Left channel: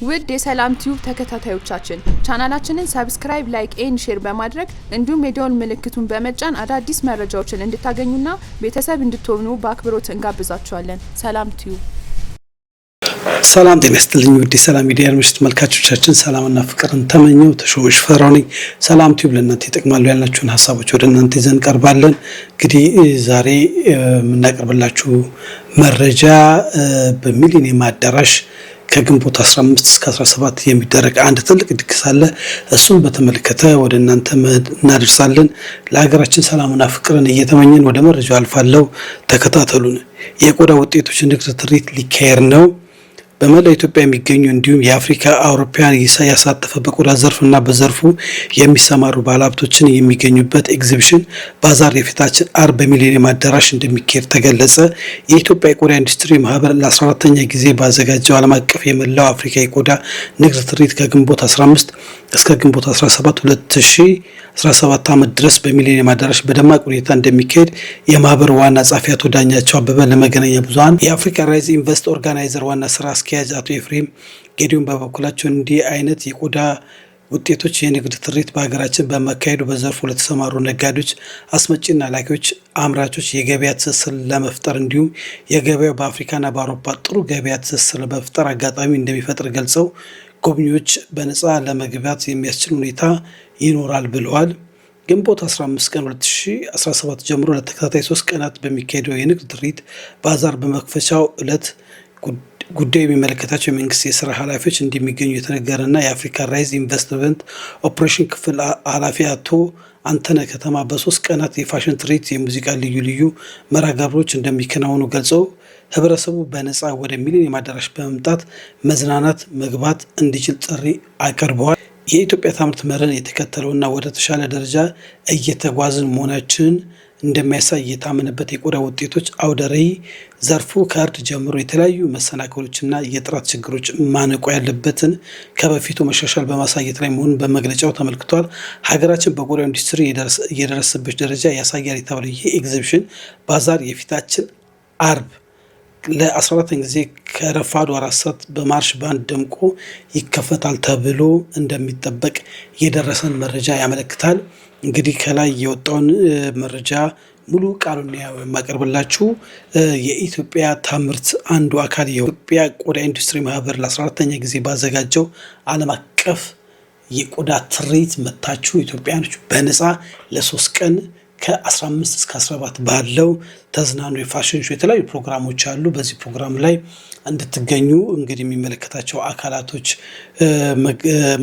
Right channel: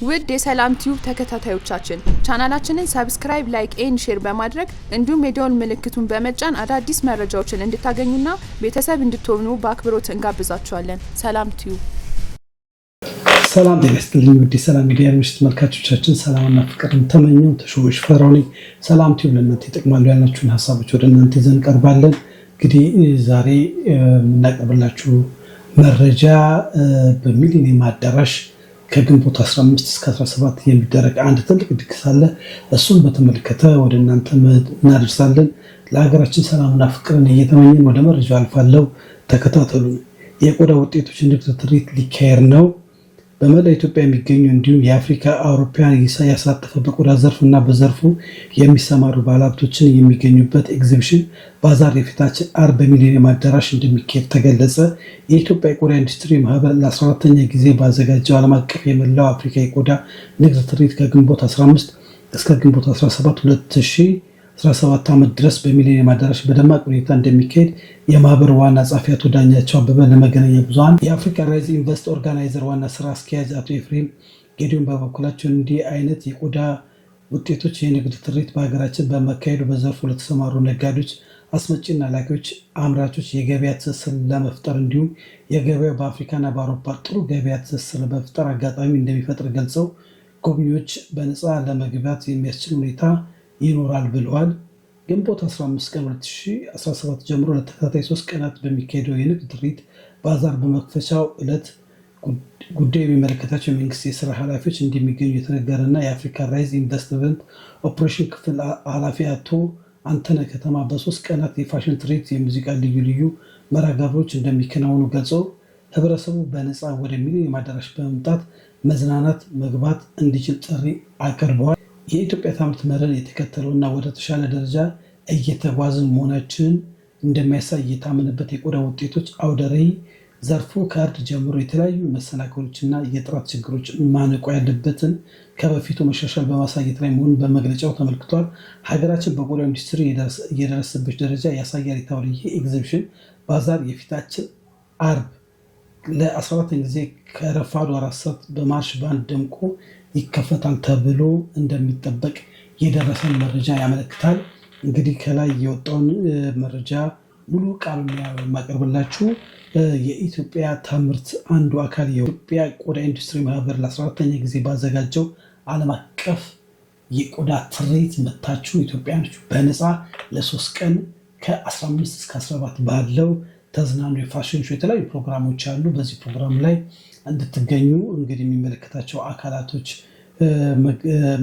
ውድ የሰላም ቲዩብ ተከታታዮቻችን ቻናላችንን ሰብስክራይብ፣ ላይክ ኤንድ ሼር በማድረግ እንዲሁም የደወል ምልክቱን በመጫን አዳዲስ መረጃዎችን እንድታገኙና ቤተሰብ እንድትሆኑ በአክብሮት እንጋብዛችኋለን። ሰላም ቲዩብ። ሰላም ጤና ይስጥልኝ ውድ የሰላም ሚዲያ አድማጭ ተመልካቾቻችን፣ ሰላምና ፍቅርን ተመኘው ተሾመሽ ፈራው ነኝ። ሰላም ቲዩብ ለእናንተ ይጠቅማሉ ያልናችሁን ሀሳቦች ወደ እናንተ ይዘን ቀርባለን። እንግዲህ ዛሬ የምናቀርብላችሁ መረጃ በሚሊኒየም አዳራሽ ከግንቦት 15 እስከ 17 የሚደረግ አንድ ትልቅ ድግስ አለ። እሱን በተመለከተ ወደ እናንተ እናደርሳለን። ለሀገራችን ሰላምና ፍቅርን እየተመኘን ወደ መረጃው አልፋለሁ። ተከታተሉን። የቆዳ ውጤቶች ንግድ ትርኢት ሊካሄድ ነው። በመላ ኢትዮጵያ የሚገኙ እንዲሁም የአፍሪካ አውሮፓውያን ያሳተፈ በቆዳ ዘርፍና በዘርፉ የሚሰማሩ ባለሀብቶችን የሚገኙበት ኤግዚቢሽን ባዛር የፊታችን አርብ በሚሊኒየም አዳራሽ እንደሚካሄድ ተገለጸ። የኢትዮጵያ የቆዳ ኢንዱስትሪ ማህበር ለ14ኛ ጊዜ ባዘጋጀው ዓለም አቀፍ የመላው አፍሪካ የቆዳ ንግድ ትርኢት ከግንቦት 15 እስከ ግንቦት 17 2017 ዓመት ድረስ በሚሊኒየም አዳራሽ በደማቅ ሁኔታ እንደሚካሄድ የማህበሩ ዋና ጸሐፊ አቶ ዳኛቸው አበበ ለመገናኛ ብዙሃን የአፍሪካ ራይዝ ኢንቨስት ኦርጋናይዘር ዋና ስራ አስኪያጅ አቶ ኤፍሬም ጌዲዮን በበኩላቸው እንዲህ አይነት የቆዳ ውጤቶች የንግድ ትርኢት በሀገራችን በመካሄዱ በዘርፉ ለተሰማሩ ነጋዴዎች፣ አስመጪና ላኪዎች፣ አምራቾች የገበያ ትስስር ለመፍጠር እንዲሁም የገበያው በአፍሪካና በአውሮፓ ጥሩ ገበያ ትስስር ለመፍጠር አጋጣሚ እንደሚፈጥር ገልጸው ጎብኚዎች በነፃ ለመግባት የሚያስችል ሁኔታ ይኖራል ብለዋል። ግንቦት 15 ቀን 2017 ጀምሮ ለተከታታይ 3 ቀናት በሚካሄደው የንግድ ትርኢት ባዛር በመክፈቻው ዕለት ጉዳዩ የሚመለከታቸው የመንግስት የስራ ኃላፊዎች እንደሚገኙ የተነገረና የአፍሪካ ራይዝ ኢንቨስትመንት ኦፕሬሽን ክፍል ኃላፊ አቶ አንተነህ ከተማ በ3 ቀናት የፋሽን ትርኢት፣ የሙዚቃ ልዩ ልዩ መርሃ ግብሮች እንደሚከናወኑ ገልጸው ህብረተሰቡ በነፃ ወደ ሚሊኒየም አዳራሽ በመምጣት መዝናናት መግባት እንዲችል ጥሪ አቅርበዋል። የኢትዮጵያ ታምርት መርህን የተከተለውና ወደ ተሻለ ደረጃ እየተጓዝን መሆናችንን እንደሚያሳይ የታመነበት የቆዳ ውጤቶች አውደ ርዕይ ዘርፉ ከእርድ ጀምሮ የተለያዩ መሰናክሎችና የጥራት ችግሮች ማነቆ ያለበትን ከበፊቱ መሻሻል በማሳየት ላይ መሆኑን በመግለጫው ተመልክቷል። ሀገራችን በቆዳ ኢንዱስትሪ እየደረሰበት ደረጃ ያሳያል የተባለው ይህ ኤግዚቢሽን ባዛር የፊታችን አርብ ለ14ኛ ጊዜ ከረፋዱ 4 ሰዓት በማርሽ ባንድ ደምቆ ይከፈታል ተብሎ እንደሚጠበቅ የደረሰን መረጃ ያመለክታል። እንግዲህ ከላይ የወጣውን መረጃ ሙሉ ቃሉን የማቀርብላችሁ የኢትዮጵያ ታምርት አንዱ አካል የኢትዮጵያ ቆዳ ኢንዱስትሪ ማህበር ለ14ኛ ጊዜ ባዘጋጀው ዓለም አቀፍ የቆዳ ትርኢት መታችሁ ኢትዮጵያኖች በነፃ ለ3 ቀን ከ15 እስከ 17 ባለው ተዝናኑ። የፋሽን ሾው የተለያዩ ፕሮግራሞች አሉ። በዚህ ፕሮግራም ላይ እንድትገኙ እንግዲህ የሚመለከታቸው አካላቶች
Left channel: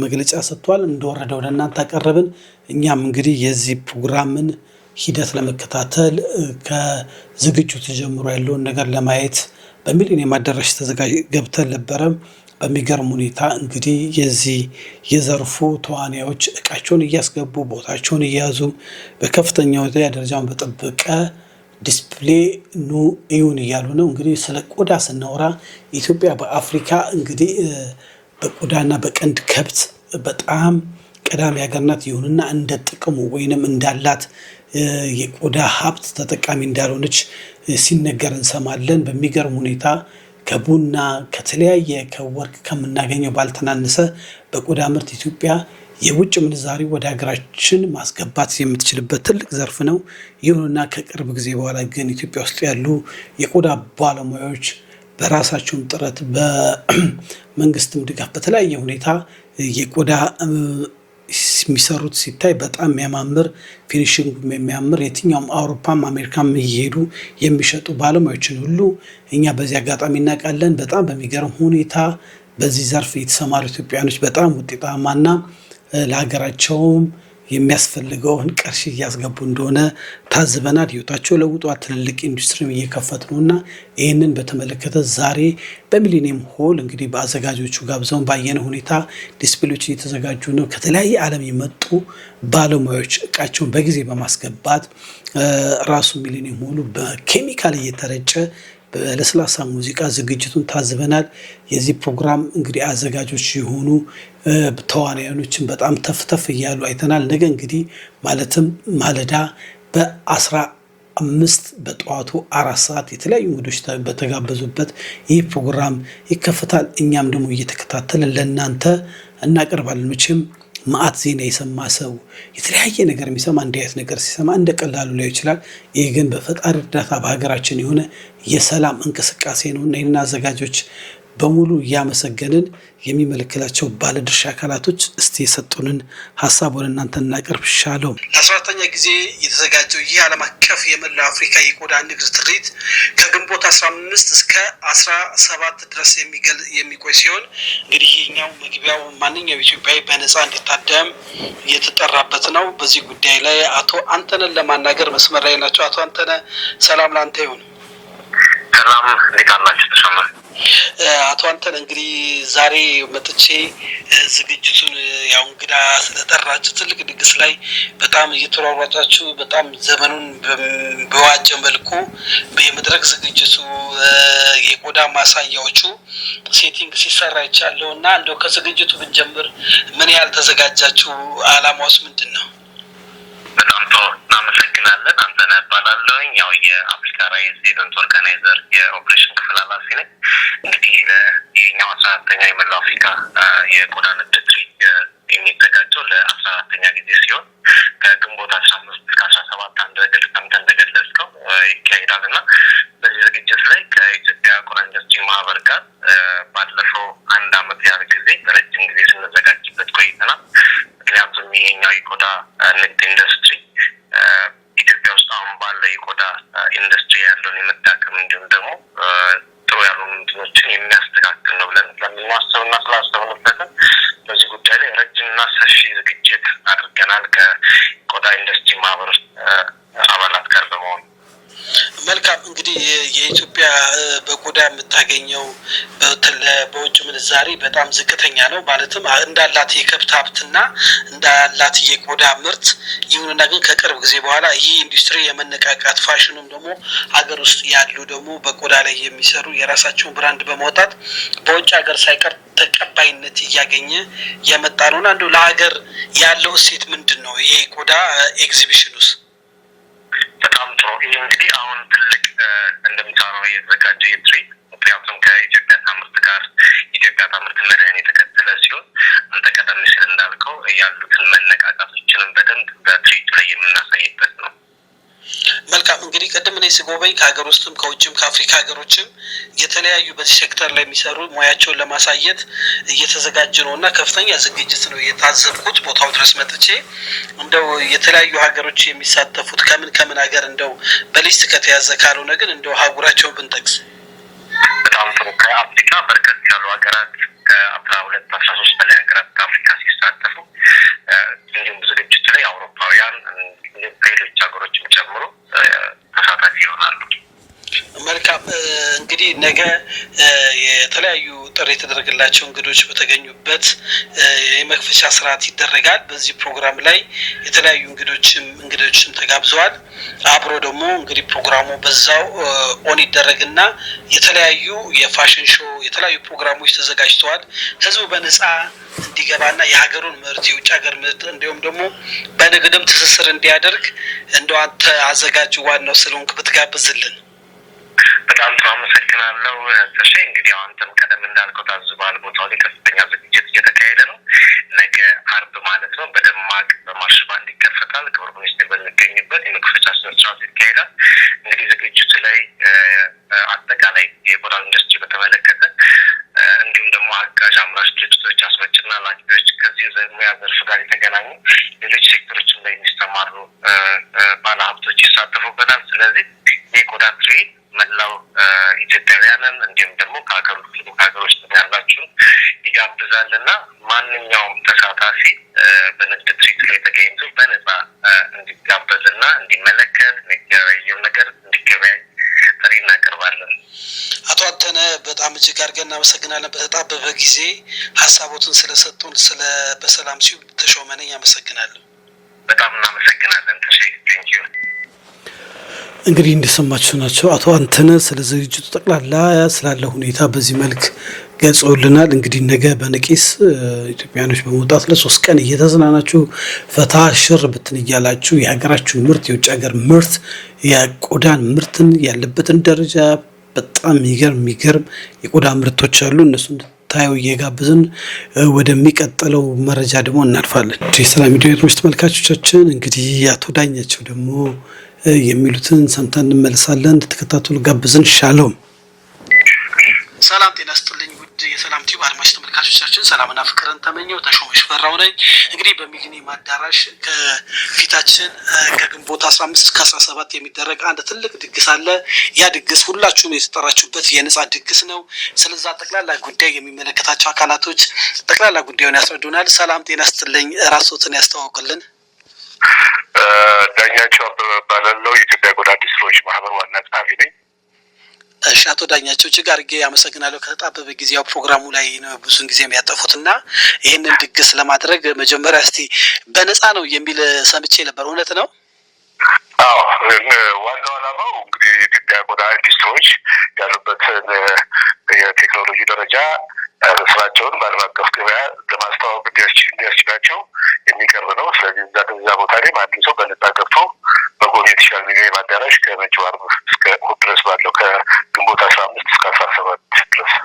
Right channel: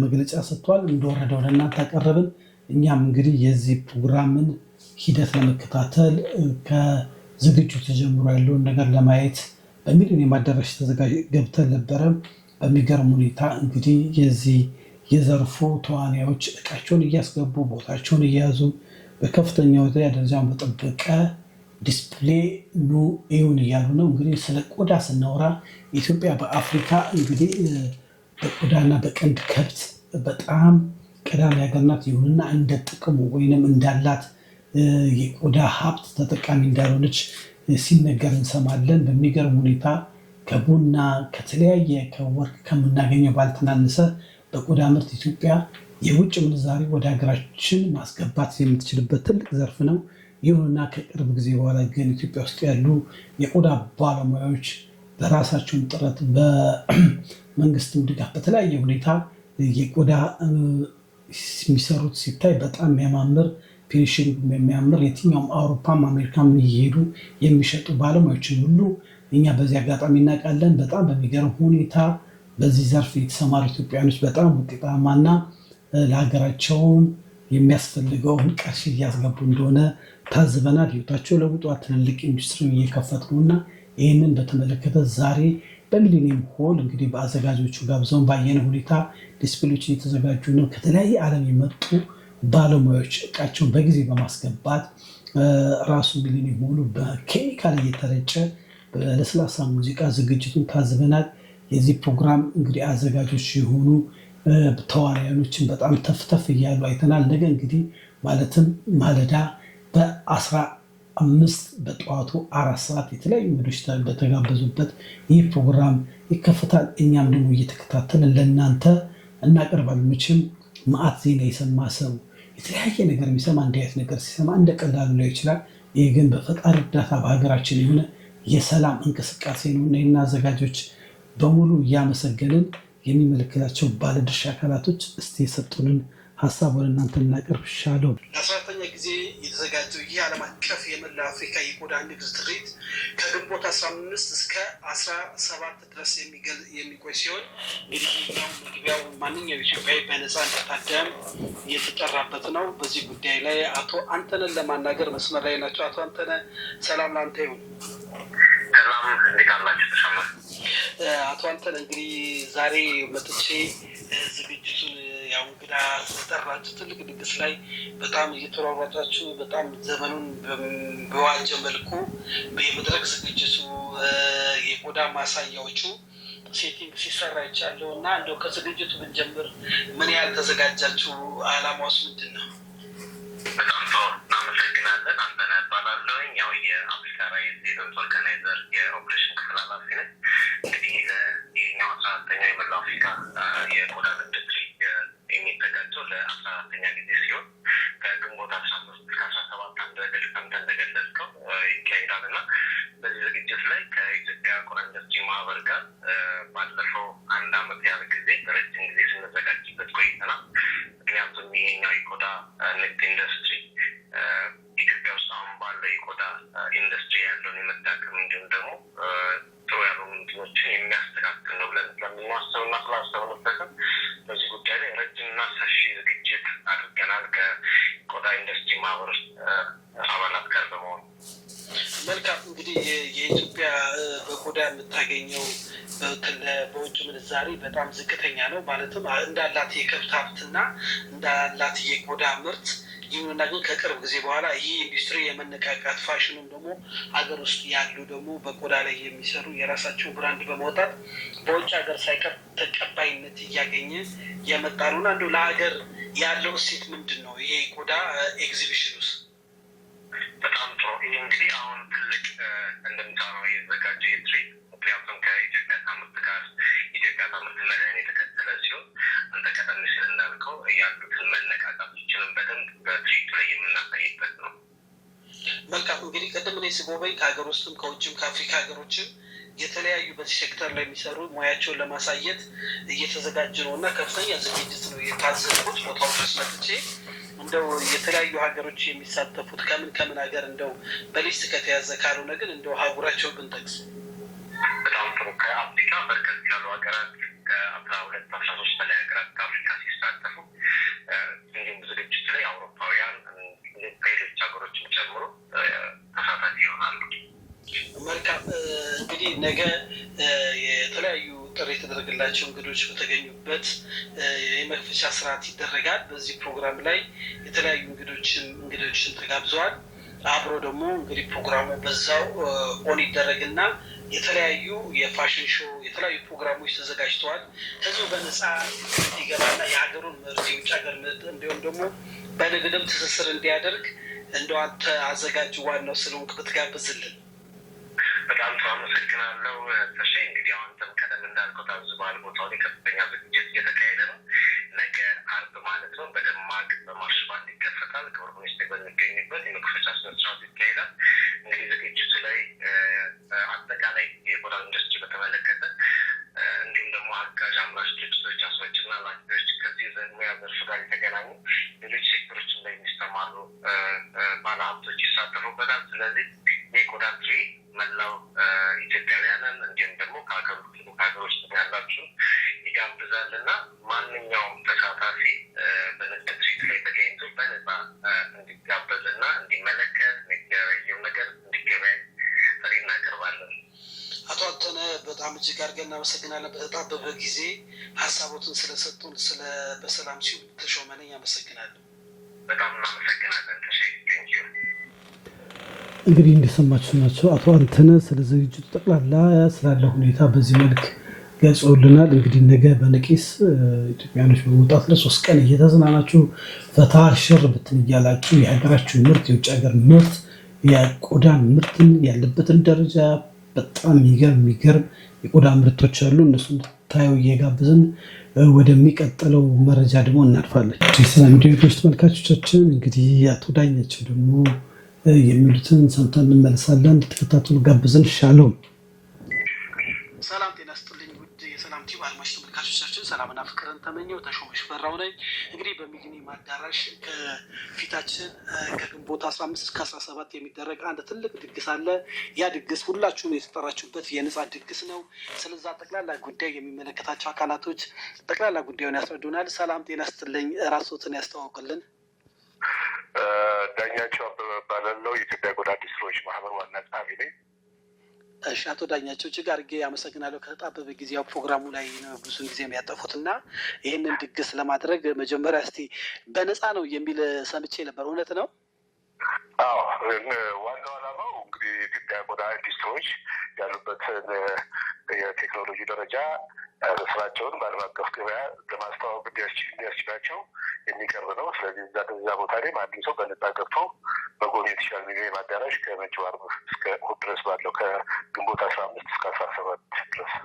መግለጫ ሰጥቷል። እንደወረደ ወደ እናንተ አቀረብን። እኛም እንግዲህ የዚህ ፕሮግራምን ሂደት ለመከታተል ከዝግጅቱ ጀምሮ ያለውን ነገር ለማየት በሚሊኒየም አዳራሽ ገብተን ነበረ። በሚገርም ሁኔታ እንግዲህ የዚህ የዘርፉ ተዋናዮች እቃቸውን እያስገቡ ቦታቸውን እየያዙ በከፍተኛ ደረጃውን በጠበቀ ዲስፕሌይ ኑ እዩን እያሉ ነው። እንግዲህ ስለ ቆዳ ስናወራ ኢትዮጵያ በአፍሪካ እንግዲህ በቆዳና በቀንድ ከብት በጣም ቀዳሚ ሀገር ናት። ይሁንና እንደ ጥቅሙ ወይንም እንዳላት የቆዳ ሀብት ተጠቃሚ እንዳልሆነች ሲነገር እንሰማለን። በሚገርም ሁኔታ ከቡና ከተለያየ ከወርቅ ከምናገኘው ባልተናነሰ በቆዳ ምርት ኢትዮጵያ የውጭ ምንዛሪ ወደ ሀገራችን ማስገባት የምትችልበት ትልቅ ዘርፍ ነው። ይሁንና ከቅርብ ጊዜ በኋላ ግን ኢትዮጵያ ውስጥ ያሉ የቆዳ ባለሙያዎች በራሳቸውም ጥረት በመንግስትም ድጋፍ በተለያየ ሁኔታ የቆዳ የሚሰሩት ሲታይ በጣም የሚያማምር ፊኒሽንግ የሚያምር የትኛውም አውሮፓም አሜሪካም እየሄዱ የሚሸጡ ባለሙያዎችን ሁሉ እኛ በዚህ አጋጣሚ እናውቃለን። በጣም በሚገርም ሁኔታ በዚህ ዘርፍ የተሰማሩ ኢትዮጵያኖች በጣም ውጤታማና ለሀገራቸውም የሚያስፈልገውን ቀርሽ እያስገቡ እንደሆነ ታዝበናል። ህይወታቸው ለውጧል። ትልልቅ ኢንዱስትሪም እየከፈቱ ነውና ይህንን በተመለከተ ዛሬ በሚሊኒየም ሆል እንግዲህ በአዘጋጆቹ ጋብዘውን ባየነ ሁኔታ ዲስፕሌዎች እየተዘጋጁ ነው። ከተለያየ ዓለም የመጡ ባለሙያዎች እቃቸውን በጊዜ በማስገባት ራሱ ሚሊኒየም ሆሉ በኬሚካል እየተረጨ በለስላሳ ሙዚቃ ዝግጅቱን ታዝበናል። የዚህ ፕሮግራም እንግዲህ አዘጋጆች የሆኑ ተዋናዮችን በጣም ተፍተፍ እያሉ አይተናል። ነገ እንግዲህ ማለትም ማለዳ 5 በጠዋቱ 4 ሰዓት የተለያዩ እንግዶች በተጋበዙበት ይህ ፕሮግራም ይከፈታል። እኛም ደግሞ እየተከታተልን ለእናንተ እናቀርባለን። መቼም ማአት ዜና የሰማ ሰው የተለያየ ነገር የሚሰማ እንዲህ አይነት ነገር ሲሰማ እንደ ቀላሉ ላይ ይችላል። ይህ ግን በፈጣሪ እርዳታ በሀገራችን የሆነ የሰላም እንቅስቃሴ ነው እና ይህን አዘጋጆች በሙሉ እያመሰገንን የሚመለከታቸው ባለድርሻ አካላቶች እስቲ የሰጡንን ሀሳብ ወደ እናንተ እናቀርብ ይሻለው። ለ14ኛ ጊዜ የተዘጋጀው ይህ ዓለም አቀፍ የመላው አፍሪካ የቆዳ ንግድ ትርኢት ከግንቦት 15 እስከ 17 ድረስ የሚቆይ ሲሆን እንግዲህ ይህኛው መግቢያው ማንኛውም ኢትዮጵያዊ በነፃ እንዲታደም የተጠራበት ነው። በዚህ ጉዳይ ላይ አቶ አንተነን ለማናገር መስመር ላይ ናቸው። አቶ አንተነ ሰላም ላንተ ይሁን። ሰላም፣ እንዴት አላችሁ? ተሰማ አቶ አንተነ እንግዲህ ዛሬ መጥቼ ዝግጅቱን ያው እንግዳ ስለጠራችሁ ትልቅ ድግስ ላይ በጣም እየተሯሯጣችሁ በጣም ዘመኑን በዋጀ መልኩ የመድረክ ዝግጅቱ የቆዳ ማሳያዎቹ ሴቲንግ ሲሰራ ይቻለው እና እንደው ከዝግጅቱ ብንጀምር ምን ያህል ተዘጋጃችሁ? አላማውስ ምንድን ነው? በጣም ጥሩ እናመሰግናለን። አንተነህ እባላለሁኝ። ያው የአፍሪካ ራይዝ ኢቨንት ኦርጋናይዘር የኦፕሬሽን ክፍል ኃላፊ ነኝ። እንግዲህ ይህኛው 14ኛ የመላው አፍሪካ የቆዳ ንግድ ትርኢት የሚዘጋጀው ለ14ኛ ጊዜ ሲሆን ከግንቦት 15 እስከ 17 አንተ እንደገለጽከው ይካሄዳል እና በዚህ ዝግጅት ላይ ከኢትዮጵያ ቆዳ ኢንዱስትሪ ማህበር ጋር ባለፈው 1 ዓመት ያህል ጊዜ ረጅም ጊዜ ስንዘጋጅበት ቆይተናል። ምክንያቱም ይሄኛው የቆዳ ንግድ ኢንዱስትሪ ኢትዮጵያ ውስጥ አሁን ባለው የቆዳ ኢንዱስትሪ ያለውን የመዳከም እንዲሁም ደግሞ ጥሩ ያልሆኑ እንትኖችን የሚያስተካክል ነው ብለን ስለምናስብና ስላሰብንበትም በዚህ ጉዳይ ላይ ረጅምና ሰፊ ዝግጅት አድርገናል ከቆዳ ኢንዱስትሪ ማህበር አባላት ጋር በመሆን። መልካም እንግዲህ የኢትዮጵያ በቆዳ የምታገኘው በውጭ ምንዛሪ በጣም ዝቅተኛ ነው። ማለትም እንዳላት የከብት ሀብትና እንዳላት የቆዳ ምርት ይሁንና ግን ከቅርብ ጊዜ በኋላ ይህ ኢንዱስትሪ የመነቃቃት ፋሽኑም ደግሞ ሀገር ውስጥ ያሉ ደግሞ በቆዳ ላይ የሚሰሩ የራሳቸውን ብራንድ በማውጣት በውጭ ሀገር ሳይቀር ተቀባይነት እያገኘ የመጣ ነውና እንደው ለሀገር ያለው እሴት ምንድን ነው? ይሄ ቆዳ ኤግዚቢሽን ውስጥ በጣም ጥሩ። ይህ እንግዲህ አሁን ትልቅ እንደምታወራው የተዘጋጀ የትርኢት ምክንያቱም ከኢትዮጵያ ታምርት ጋር ኢትዮጵያ ታምርት መድህን የተከተለ ሲሆን አንተ ቀደም ሲል እንዳልከው ያሉትን መነቃቃቶችንም በደንብ በትርኢቱ ላይ የምናሳይበት ነው። መልካም እንግዲህ ቀደም እኔ ስጎበኝ ከሀገር ውስጥም ከውጭም ከአፍሪካ ሀገሮችም የተለያዩ በዚህ ሴክተር ላይ የሚሰሩ ሙያቸውን ለማሳየት እየተዘጋጀ ነው እና ከፍተኛ ዝግጅት ነው የታዘብኩት። ቦታው ድረስ መጥቼ እንደው የተለያዩ ሀገሮች የሚሳተፉት ከምን ሀገር እንደው በሊስት ከተያዘ ካልሆነ ግን እንደው ሀጉራቸውን ብንጠቅስ። በጣም ጥሩ። ከአፍሪካ በርከት ያሉ ሀገራት ከ12-13 በላይ ሀገራት ከአፍሪካ ሲሳተፉ እንዲሁም ዝግጅቱ ላይ አውሮፓውያን ከሌሎች ሀገሮችም ጨምሮ ተሳታፊ ይሆናሉ። መልካም እንግዲህ ነገ የተለያዩ ጥሪ የተደረገላቸው እንግዶች በተገኙበት የመክፈቻ ስርዓት ይደረጋል። በዚህ ፕሮግራም ላይ የተለያዩ እንግዶችም ተጋብዘዋል። አብሮ ደግሞ እንግዲህ ፕሮግራሙ በዛው ኦን ይደረግና የተለያዩ የፋሽን ሾው የተለያዩ ፕሮግራሞች ተዘጋጅተዋል። ህዝቡ በነፃ እንዲገባና የሀገሩን ምርት የውጭ ሀገር ምርት እንዲሁም ደግሞ በንግድም ትስስር እንዲያደርግ እንደው አንተ አዘጋጁ ዋናው ስለሆንክ ብትጋብዝልን። በጣም ጥሩ አመሰግናለሁ ተሼ። እንግዲህ አንተም ቀደም እንዳልከው ታዝበሃል። ቦታው ላይ ከፍተኛ ዝግጅት እየተካሄደ ነው። ነገ አርብ ማለት ነው በደማቅ በማርሽ ባንድ ይከፈታል። ክቡር ሚኒስትር በሚገኝበት የመክፈቻ ስነስርዓት ይካሄዳል። እንግዲህ ዝግጅቱ ላይ አጠቃላይ የቆዳ ኢንዱስትሪ በተመለከተ እንዲሁም ደግሞ አጋዥ አምራች ድርጅቶች፣ አስመጭና ላኪዎች ከዚህ ሙያ ዘርፍ ጋር የተገናኙ ሌሎች ሴክተሮችም ላይ የሚሰማሩ ባለሀብቶች ይሳተፉበታል። ስለዚህ የቆዳ ትርኢት መላው ኢትዮጵያውያንን እንዲሁም ደግሞ ከሀገሮች ያላችሁን ይጋብዛልና ማንኛውም ተሳታፊ በንግድ ትርኢት ላይ ተገኝቶ በነፃ እንዲጋበዝና እንዲመለከት የሚገበያየው ነገር እንዲገበያይ ጥሪ እናቀርባለን። አቶ አንተነህ በጣም እጅግ አድርገን እናመሰግናለን። በተጣበበ ጊዜ ሀሳቦትን ስለሰጡን በሰላም ሲዩ ተሾመነኝ አመሰግናለሁ። በጣም እናመሰግናለን። ተሸ እንግዲህ እንደሰማችሁ ናቸው አቶ አንተነህ ስለ ዝግጅቱ ጠቅላላ ስላለ ሁኔታ በዚህ መልክ ገልጸውልናል። እንግዲህ ነገ በነቂስ ኢትዮጵያኖች በመውጣት ለ3 ቀን እየተዝናናችሁ ፈታ ሽር ብትን እያላችሁ የሀገራችሁን ምርት የውጭ ሀገር ምርት የቆዳን ምርትን ያለበትን ደረጃ በጣም የሚገርም የቆዳ ምርቶች አሉ። እነሱ እንድታዩ እየጋበዝን ወደሚቀጥለው መረጃ ደግሞ እናልፋለን። የሰላም ሚዲያ ተመልካቾቻችን እንግዲህ አቶ ዳኛቸው ደግሞ የሚሉትን ሰምተን እንመለሳለን። እንድትከታተሉ ጋብዝን። ሻሎም ሰላም ጤና ይስጥልኝ ውድ የሰላም ቲዩብ አድማጭ ተመልካቾቻችን ሰላምና ፍቅርን ተመኘው ተሾመ ሽፈራው ነኝ። እንግዲህ በሚሊኒየም አዳራሽ ከፊታችን ከግንቦት 15 እስከ 17 የሚደረግ አንድ ትልቅ ድግስ አለ። ያ ድግስ ሁላችሁም የተጠራችሁበት የነጻ ድግስ ነው። ስለዛ ጠቅላላ ጉዳይ የሚመለከታቸው አካላቶች ጠቅላላ ጉዳዩን ያስረዱናል። ሰላም ጤና ይስጥልኝ፣ ራስዎትን ያስተዋውቅልን። ዳኛቸው አበበ እባላለሁ። የኢትዮጵያ ቆዳ ኢንዱስትሪዎች ማህበር ዋና ጸሐፊ ነኝ። እሺ አቶ ዳኛቸው እጅግ አድርጌ አመሰግናለሁ። ከተጣበበ ጊዜያው ፕሮግራሙ ላይ ነው ብዙን ጊዜ የሚያጠፉት እና ይህንን ድግስ ለማድረግ መጀመሪያ እስቲ በነፃ ነው የሚል ሰምቼ ነበር፣ እውነት ነው? አዎ፣ ዋናው ዓላማው እንግዲህ የኢትዮጵያ ቆዳ ኢንዱስትሪዎች ያሉበትን የቴክኖሎጂ ደረጃ ስራቸውን በዓለም አቀፍ ገበያ ለማስተዋወቅ እንዲያስችላቸው የሚቀርብ ነው። ስለዚህ እዛ ቦታ ላይ ማንም ሰው በነፃ ገብቶ መጎብኘት ይችላል። ሚሊኒየም አዳራሽ ከመጪው ዓርብ እስከ እሑድ ድረስ ባለው ከግንቦት 15 እስከ 17 ድረስ።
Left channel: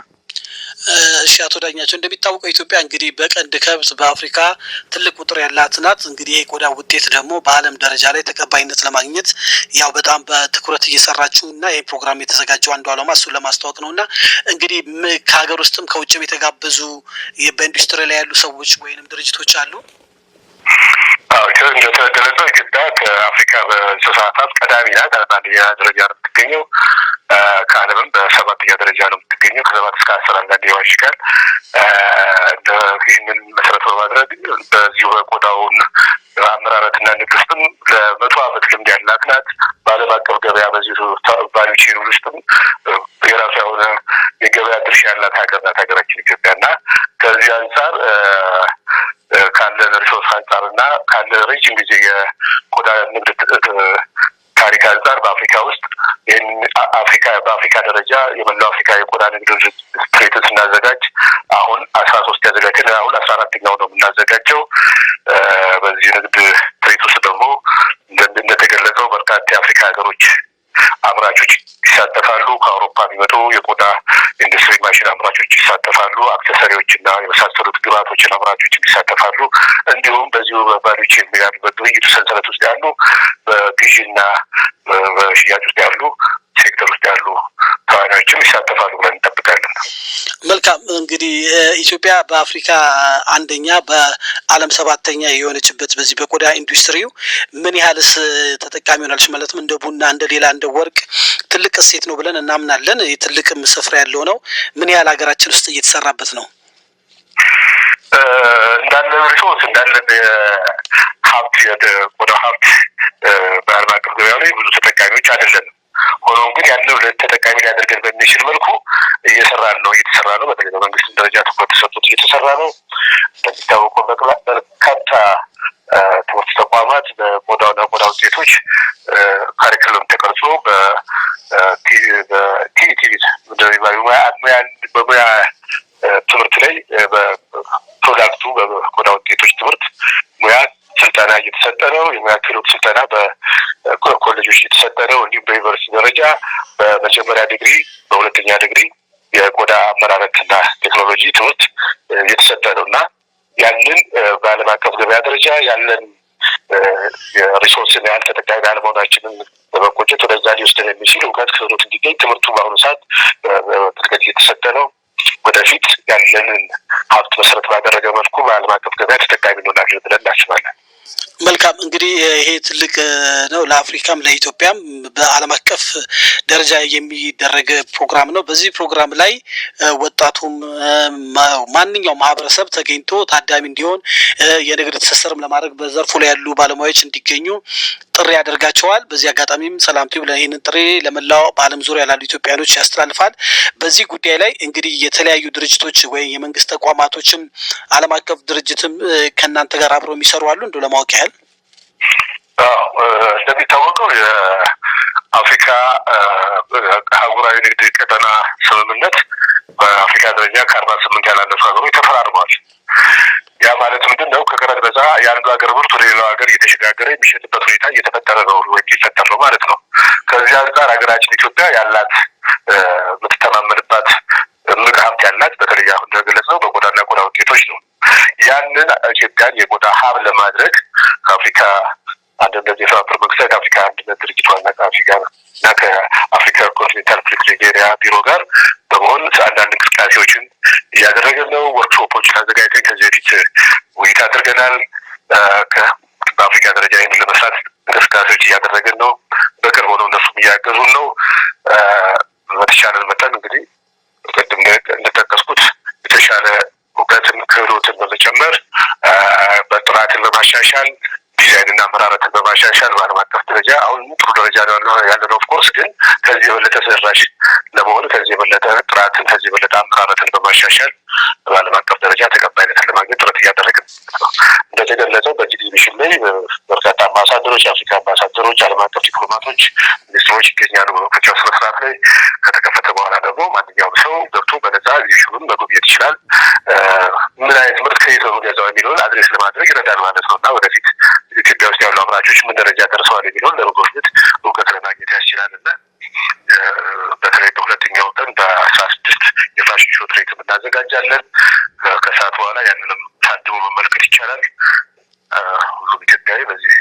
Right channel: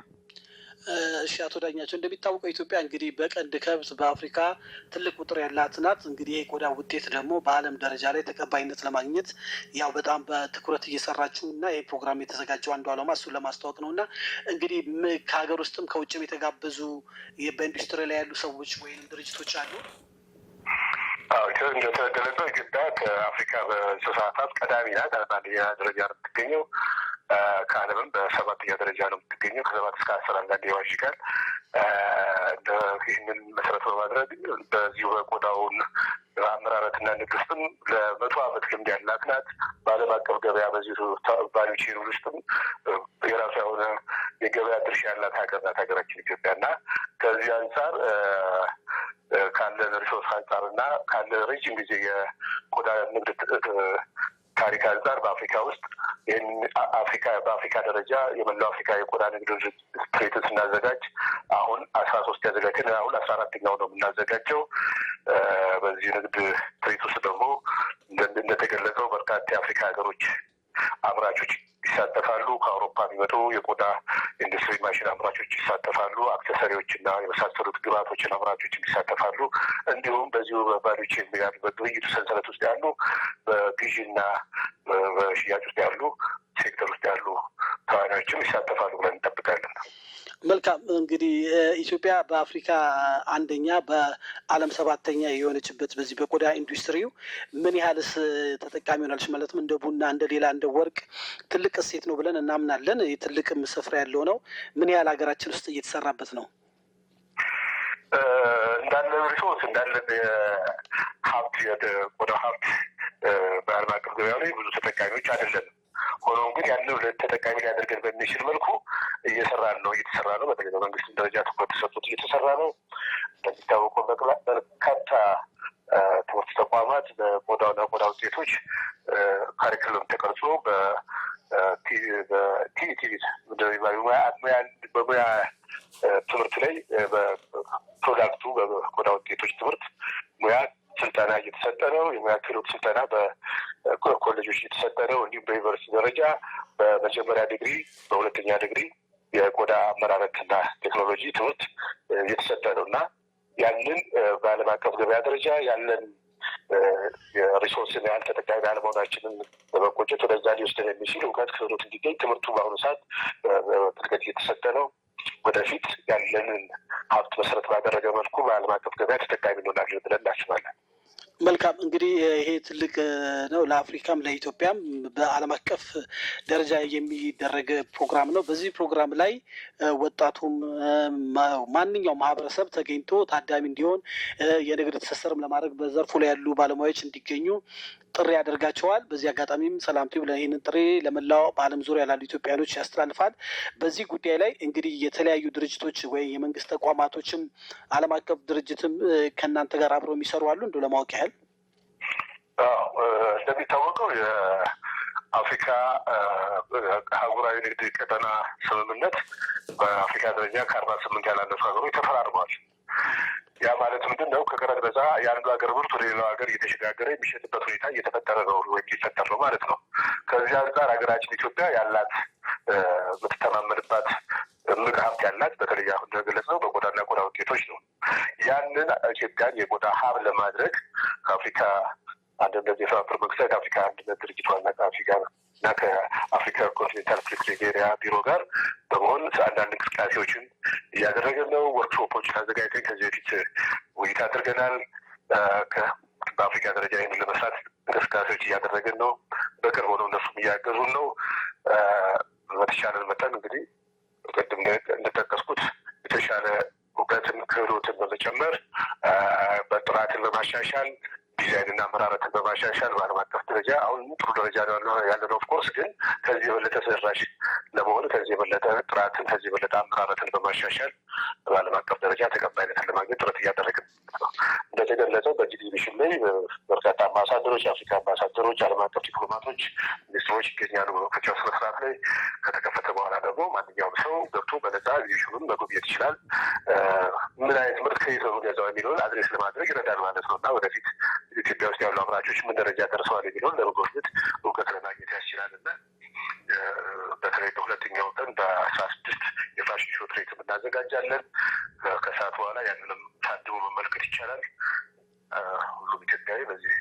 እሺ አቶ ዳኛቸው እንደሚታወቀው ኢትዮጵያ እንግዲህ በቀንድ ከብት በአፍሪካ ትልቅ ቁጥር ያላት ናት። እንግዲህ የቆዳ ውጤት ደግሞ በዓለም ደረጃ ላይ ተቀባይነት ለማግኘት ያው በጣም በትኩረት እየሰራችሁ እና ይህ ፕሮግራም የተዘጋጀው አንዱ ዓላማ እሱን ለማስተዋወቅ ነው እና እንግዲህ ከሀገር ውስጥም ከውጭም የተጋበዙ በኢንዱስትሪ ላይ ያሉ ሰዎች ወይንም ድርጅቶች አሉ? እንደተገለጸው ኢትዮጵያ ከአፍሪካ በእንስሳት ሀብት ቀዳሚ ናት። አንደኛ ደረጃ ነው የምትገኘው። ከዓለምም በሰባተኛ ደረጃ ነው የምትገኘው። ከ7 እስከ 10 አንዳንዴ ይዋዥቃል። ይህንን መሰረት በማድረግ በዚሁ በቆዳውን አመራረትና ንግድ ውስጥም ለ100 ዓመት ልምድ ያላት ናት። በዓለም አቀፍ ገበያ በዚሁ ቫልዩ ቼን ውስጥም የራሷ የሆነ የገበያ ድርሻ ያላት ሀገር ናት ሀገራችን ኢትዮጵያ እና ከዚህ አንጻር ካለን ሪሶርስ አንጻር እና ካለ ረጅም ጊዜ የቆዳ ንግድ ታሪክ አንጻር በአፍሪካ ውስጥ ይህን በአፍሪካ ደረጃ የመላው አፍሪካ የቆዳ ንግድ ትርኢትን ስናዘጋጅ አሁን 13 ያዘጋጀን አሁን 14ኛው ነው የምናዘጋጀው። በዚህ ንግድ ትርኢት ውስጥ ደግሞ እንደተገለጸው በርካታ የአፍሪካ ሀገሮች አምራቾች ይሳተፋሉ። ከአውሮፓ የሚመጡ የቆዳ ኢንዱስትሪ ማሽን አምራቾች ይሳተፋሉ። አክሰሰሪዎች እና የመሳሰሉት ግብአቶችን አምራቾች ይሳተፋሉ። እንዲሁም በዚሁ በቫልዩ ቼን በግብይቱ ሰንሰለት ውስጥ ያሉ በግዢና በሽያጭ ውስጥ ያሉ ሴክተር ውስጥ ያሉ ተዋናዮችም ይሳተፋሉ ብለን እንጠብቃለን። መልካም። እንግዲህ ኢትዮጵያ በአፍሪካ አንደኛ በዓለም 7ኛ የሆነችበት በዚህ በቆዳ ኢንዱስትሪው ምን ያህልስ ተጠቃሚ ሆናለች? ማለትም እንደ ቡና፣ እንደ ሌላ እንደ ወርቅ ትልቅ እሴት ነው ብለን እናምናለን። ትልቅም ስፍራ ያለው ነው። ምን ያህል ሀገራችን ውስጥ እየተሰራበት ነው? እንዳለን ሪሶርስ እንዳለን ሀብት የቆዳ ሀብት በዓለም አቀፍ ገበያ ላይ ብዙ ተጠቃሚዎች አይደለንም። ሆኖም ግን ያለው ተጠቃሚ ሊያደርገን በሚችል መልኩ እየተሰራ ነው። በተለይ በመንግስትም ደረጃ ትኩረት ተሰጥቶት እየተሰራ ነው። እንደሚታወቀው በርካታ ትምህርት ተቋማት በቆዳና ቆዳ ውጤቶች ካሪክለም ተቀርጾ በሙያ ትምህርት ላይ በፕሮዳክቱ በቆዳ ውጤቶች ትምህርት ሙያ ስልጠና እየተሰጠ ነው። የሙያ ክህሎት ስልጠና በኮሌጆች እየተሰጠ ነው። እንዲሁም በዩኒቨርሲቲ ደረጃ በመጀመሪያ ዲግሪ፣ በሁለተኛ ዲግሪ የቆዳ አመራረትና ቴክኖሎጂ ትምህርት እየተሰጠ ነው እና ያንን በዓለም አቀፍ ገበያ ደረጃ ያለን የሪሶርስን ያህል ተጠቃሚ አለመሆናችንን በመቆጨት ወደዛ ሊወስደን የሚችል እውቀት ክህሎት እንዲገኝ ትምህርቱ በአሁኑ ሰዓት በጥልቀት እየተሰጠ ነው። ወደፊት ያለንን ሀብት መሰረት ባደረገ መልኩ በዓለም አቀፍ ገበያ ተጠቃሚ እንሆናለን ብለን እናስባለን። መልካም። እንግዲህ ይሄ ትልቅ ነው ለአፍሪካም ለኢትዮጵያም በዓለም አቀፍ ደረጃ የሚደረግ ፕሮግራም ነው። በዚህ ፕሮግራም ላይ ወጣቱም ማንኛውም ማህበረሰብ ተገኝቶ ታዳሚ እንዲሆን የንግድ ትስስርም ለማድረግ በዘርፉ ላይ ያሉ ባለሙያዎች እንዲገኙ ጥሪ ያደርጋቸዋል። በዚህ አጋጣሚም ሰላም ቲዩብ ይህንን ጥሪ ለመላው በዓለም ዙሪያ ላሉ ኢትዮጵያኖች ያስተላልፋል። በዚህ ጉዳይ ላይ እንግዲህ የተለያዩ ድርጅቶች ወይ የመንግስት ተቋማቶችም ዓለም አቀፍ ድርጅትም ከእናንተ ጋር አብረው የሚሰሩ አሉ እንደው ለማወቅ ያህል? እንደሚታወቀው አፍሪካ አህጉራዊ ንግድ ቀጠና ስምምነት በአፍሪካ ደረጃ ከ48 ያላነሱ ሀገሮች ተፈራርመዋል። ያ ማለት ምንድነው? ከቀረጥ ነፃ የአንዱ ሀገር ምርት ወደ ሌላው ሀገር እየተሸጋገረ የሚሸጥበት ሁኔታ እየተፈጠረ ነው ወይም ሊፈጠር ነው ማለት ነው። ከዚህ አንጻር ሀገራችን ኢትዮጵያ ያላት የምትተማመንባት እምቅ ሀብት ያላት በተለይ አሁን እንደገለጽነው በቆዳና ቆዳ ውጤቶች ነው። ያንን ኢትዮጵያን የቆዳ ሀብ ለማድረግ ከአፍሪካ አንድነት የተባበሩት መንግስታት ከአፍሪካ አንድነት ድርጅት ዋና ጸሐፊ ጋር እና ከአፍሪካ ኮንቲኔንታል ፍሪ ትሬድ ኤሪያ ቢሮ ጋር በመሆን አንዳንድ እንቅስቃሴዎችን እያደረገን ነው። ወርክሾፖችን አዘጋጅተን ከዚህ በፊት ውይይት አድርገናል። በአፍሪካ ደረጃ ይህንን ለመስራት እንቅስቃሴዎች እያደረገን ነው። በቅርብ ሆነው እነሱም እያገዙን ነው። በተሻለን መጠን እንግዲህ ቅድም እንደጠቀስኩት የተሻለ እውቀትን ክህሎትን በመጨመር በጥራትን በማሻሻል ዲዛይንና አመራረትን በማሻሻል በዓለም አቀፍ ደረጃ አሁን ጥሩ ደረጃ ያለነው ኦፍኮርስ፣ ግን ከዚህ የበለጠ ተደራሽ ለመሆን ከዚህ የበለጠ ጥራትን ከዚህ የበለጠ አመራረትን በማሻሻል በዓለም አቀፍ ደረጃ ተቀባይነትን ለማግኘት ጥረት እያደረግን ነው። እንደተገለጸው በዚህ ኤግዚቢሽን ላይ በርካታ አምባሳደሮች፣ የአፍሪካ አምባሳደሮች፣ ዓለም አቀፍ ዲፕሎማቶች፣ ሚኒስትሮች ይገኛሉ። በመክፈቻው ስነስርዓት ላይ ከተከፈተ በኋላ ደግሞ ማንኛውም ሰው ገብቶ በነጻ ኤግዚቢሽኑን መጎብኘት ይችላል። ምን አይነት ምርት ከየት ነው ገዛው የሚለውን አድሬስ ለማድረግ ይረዳል ማለት ነው እና ወደፊት ኢትዮጵያ ውስጥ ያሉ አምራቾች ምን ደረጃ ደርሰዋል የሚለውን ለመጎብኘት እውቀት ለማግኘት ያስችላል እና በተለይ በሁለተኛው ቀን በ16 የፋሽን ሾው ትርኢት እናዘጋጃለን። ከሰዓት በኋላ ያንንም ታድሞ መመልከት ይቻላል። ሁሉም ኢትዮጵያዊ በዚህ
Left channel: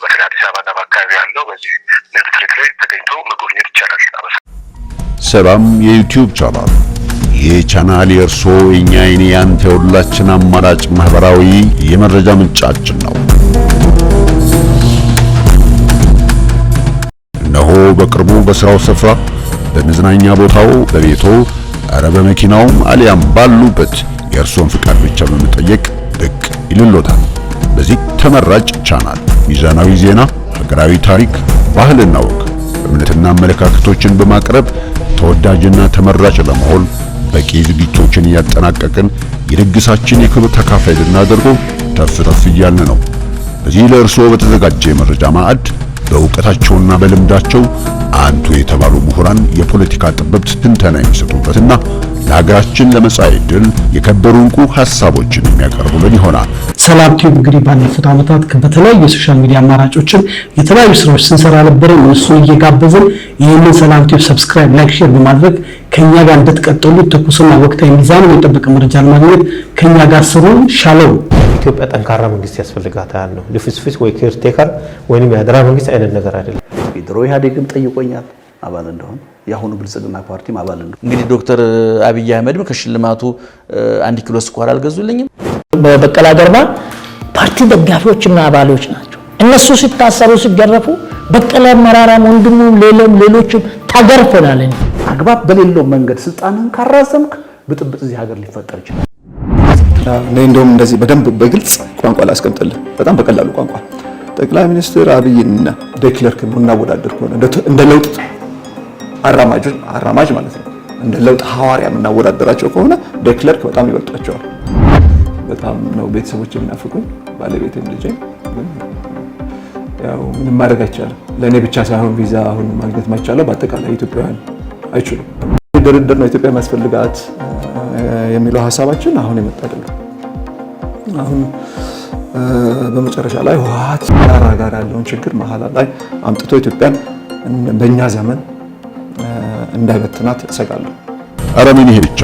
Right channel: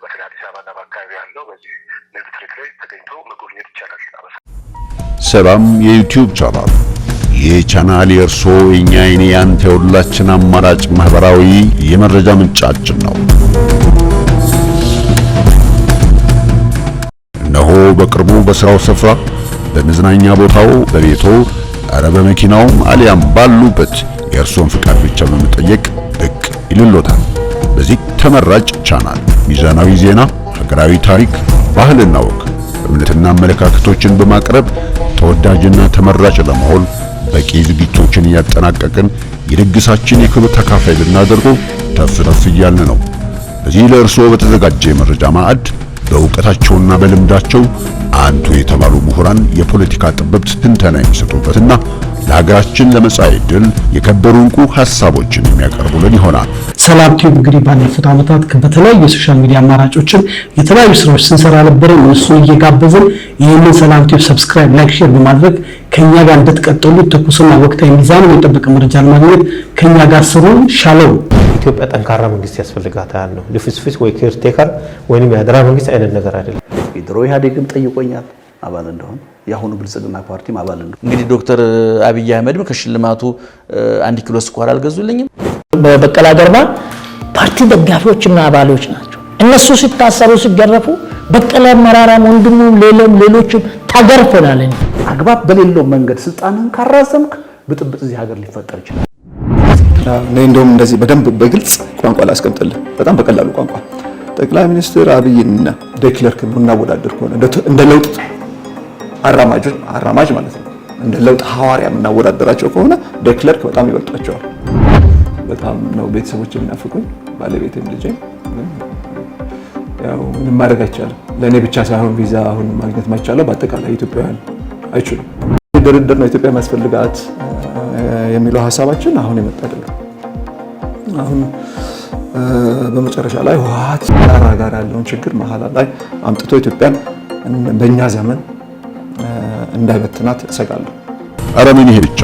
በተለይ አዲስ አበባና በአካባቢ ያለው በዚህ ንግድ ትርኢት ላይ ተገኝቶ መጎብኘት ይቻላል። ሰላም የዩቲዩብ ቻናል። ይህ ቻናል የእርሶ የኛ የኔ ያንተ የሁላችን አማራጭ ማህበራዊ የመረጃ ምንጫችን ነው። እነሆ በቅርቡ በስራው ስፍራ፣ በመዝናኛ ቦታው፣ በቤቶ፣ አረ በመኪናውም አሊያም ባሉበት የእርሶን ፍቃድ ብቻ በመጠየቅ ብቅ ይልሎታል። በዚህ ተመራጭ ቻናል ሚዛናዊ ዜና፣ ሀገራዊ ታሪክ፣ ባህልና ወግ፣ እምነትና አመለካከቶችን በማቅረብ ተወዳጅና ተመራጭ ለመሆን በቂ ዝግጅቶችን እያጠናቀቅን የድግሳችን የክብር ተካፋይ ልናደርገው ተፍ እያልን ነው። በዚህ ለእርስዎ በተዘጋጀ የመረጃ ማዕድ በእውቀታቸውና በልምዳቸው አንቱ የተባሉ ምሁራን የፖለቲካ ጥበብት ትንተና የሚሰጡበትና ለሀገራችን ለመጻኢ ዕድል የከበሩ እንቁ ሐሳቦችን የሚያቀርቡልን ይሆናል። ሰላም ቲዩብ እንግዲህ ባለፉት ዓመታት በተለያዩ የሶሻል ሚዲያ አማራጮችን የተለያዩ ስራዎች ስንሰራ ነበር። እነሱን እየጋበዝን ይህንን ሰላም ቲዩብ ሰብስክራይብ፣ ላይክ፣ ሼር በማድረግ ከኛ ጋር እንድትቀጥሉ ትኩስና ወቅታዊ ሚዛኑን የጠበቀ መረጃ ለማግኘት ከኛ ጋር ስሩ። ሻሎም። ኢትዮጵያ ጠንካራ መንግስት ያስፈልጋታል ነው። ልፍስፍስ ወይ ኬርቴከር ወይንም የአደራ መንግስት አይነት ነገር አይደለም። ድሮ ኢህአዴግም ጠይቆኛል አባል እንደሆነ፣ የአሁኑ ብልጽግና ፓርቲም አባል እንደሆነ። እንግዲህ ዶክተር አብይ አህመድም ከሽልማቱ 1 ኪሎ ስኳር አልገዙልኝም። በበቀለ ገርባ ፓርቲ ደጋፊዎችና አባሎች ናቸው። እነሱ ሲታሰሩ ሲገረፉ በቀለ መራራም ወንድሙ ሌሎችም ታገርፈናል። አግባብ በሌለው መንገድ ስልጣንን ካራዘምክ ብጥብጥ እዚህ ሀገር ሊፈጠር ይችላል። እንደውም እንደዚህ በደንብ በግልጽ ቋንቋ ላስቀምጥልህ፣ በጣም በቀላሉ ቋንቋ ጠቅላይ ሚኒስትር አብይና ዴክለርክ እናወዳደር ከሆነ እንደ ለውጥ አራማጅ ማለት ነው፣ እንደ ለውጥ ሐዋርያ እናወዳደራቸው ከሆነ ዴክለርክ በጣም ይበልጣቸዋል። በጣም ነው ቤተሰቦች የሚናፍቁኝ፣ ባለቤቴም ልጄም። ያው ምንም ማድረግ አይቻልም። ለእኔ ብቻ ሳይሆን ቪዛ አሁን ማግኘት ማይቻለው በአጠቃላይ ኢትዮጵያውያን አይችሉም። ድርድር ነው ኢትዮጵያ የሚያስፈልጋት የሚለው ሀሳባችን አሁን የመጣ አይደለም። አሁን በመጨረሻ ላይ ህወሓት ጋር ያለውን ችግር መሀል ላይ አምጥቶ ኢትዮጵያን በእኛ ዘመን እንዳይበትናት እሰጋለሁ። ኧረ ምን ይሄ ብቻ!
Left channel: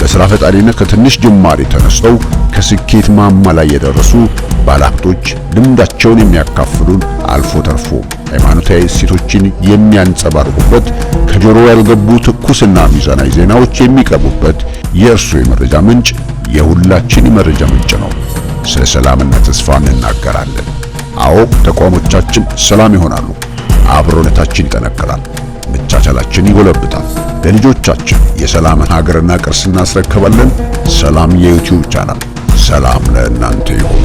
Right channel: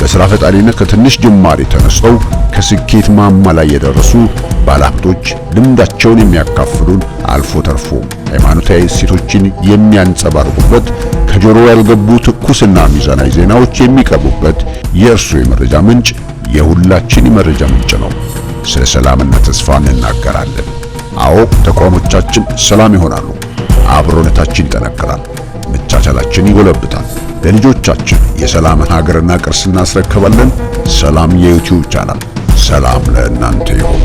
በስራ ፈጣሪነት ከትንሽ ጅማሬ ተነስተው ከስኬት ማማ ላይ የደረሱ ባለሀብቶች ልምዳቸውን የሚያካፍሉን፣ አልፎ ተርፎ ሃይማኖታዊ እሴቶችን የሚያንጸባርቁበት፣ ከጆሮ ያልገቡ ትኩስና ሚዛናዊ ዜናዎች የሚቀርቡበት የእርሱ የመረጃ ምንጭ የሁላችን የመረጃ ምንጭ ነው። ስለ ሰላምና ተስፋ እንናገራለን። አዎ ተቋሞቻችን ሰላም ይሆናሉ፣ አብሮነታችን ይጠነክራል፣ መቻቻላችን ይጎለብታል። ለልጆቻችን የሰላምን ሀገርና ቅርስ እናስረክባለን። ሰላም የዩቲዩብ ቻናል። ሰላም ለእናንተ ይሁን።